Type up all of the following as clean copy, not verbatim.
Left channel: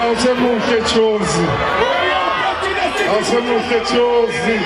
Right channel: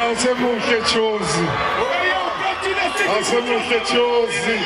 Hacemos quelque chose. Hacemos quelque chose.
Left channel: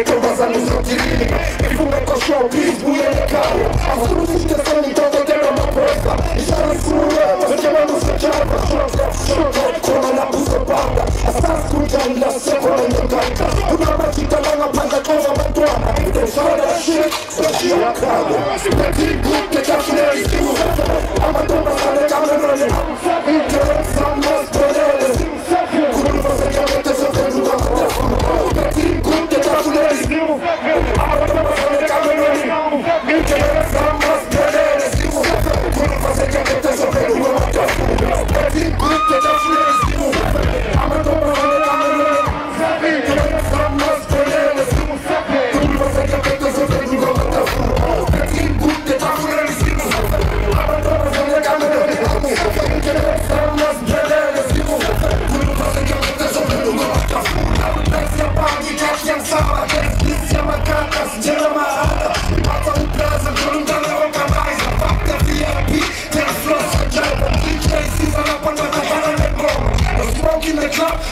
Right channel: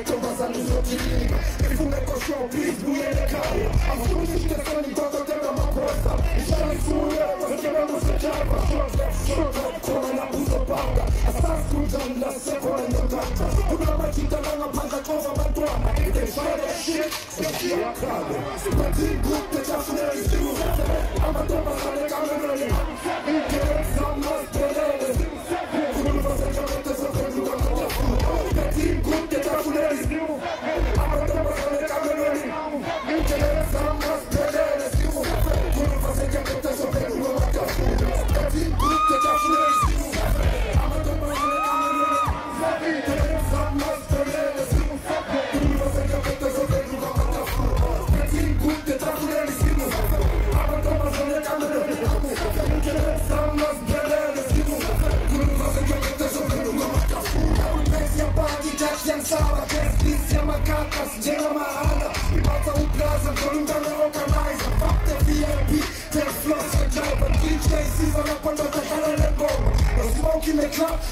Então vazamos no dirinho e fumo com show, bisbuia no carro. As cruzes descendo, então vou ter uma pressa. E já não fui eu chamando se chama, choca, como na busta banda. Essas cuidam da semana no gaita. Uma batida lá na banda com a bandona. Então chora shit, só te acaba. Petit bout de café, a bandona sai da câmera. Interessa mais poderes. Como você quer ter seu tempo da mão. Petit bout de café.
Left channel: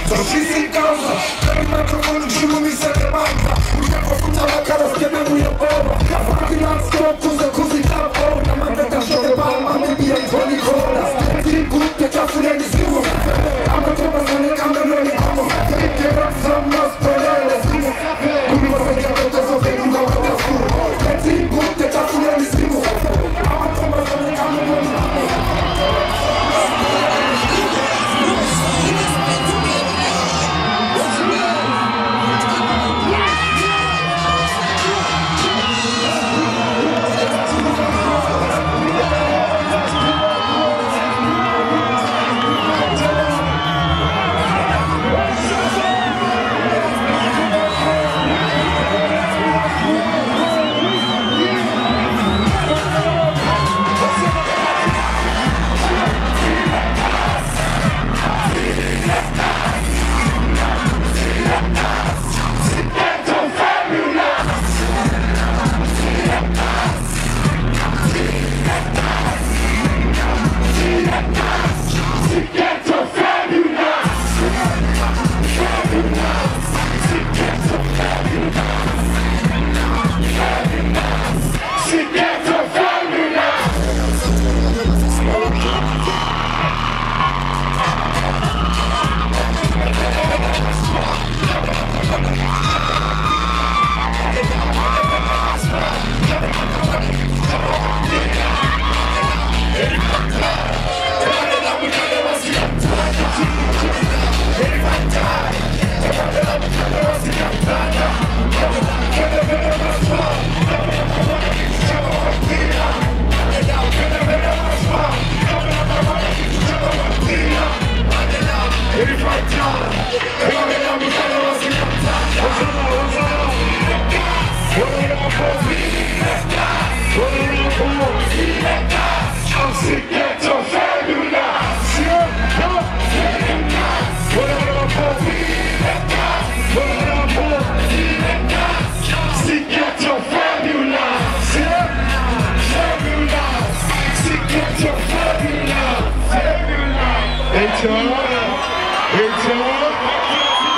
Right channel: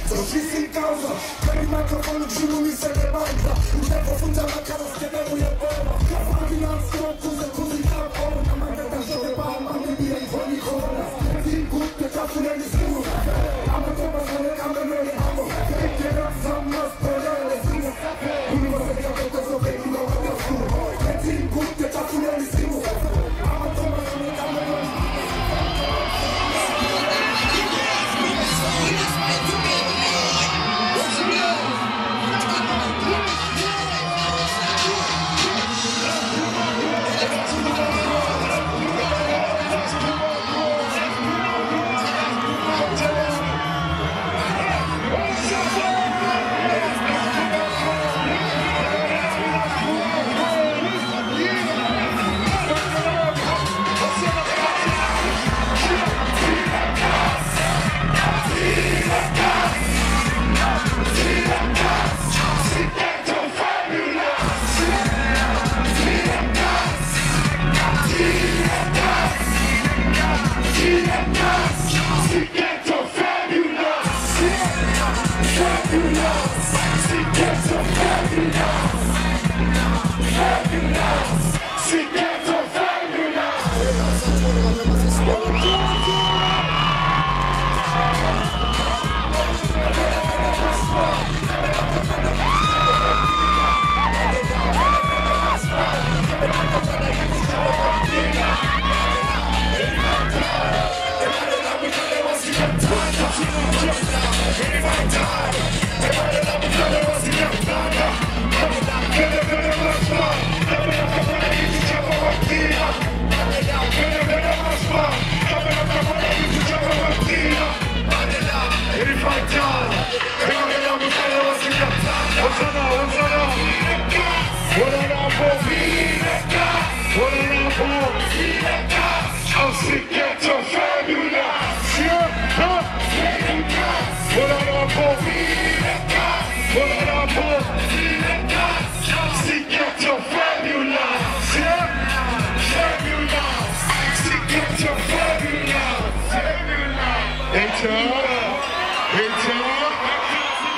So she's in Gaza, every microphone and dream me set the banza. We got from our colors, give me we over. Fucking on stop to the cozy top over. I'm a better shot the bomb, I'm maybe a 20 corners. Team good, the castle and the zoo. I'm a Thomas and the camera and the hammer. Take care of some lost brothers. We must make a better so they can go to the school. Team good, the castle and the zoo. I'm a Thomas and the camera.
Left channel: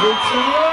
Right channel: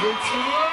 It's on.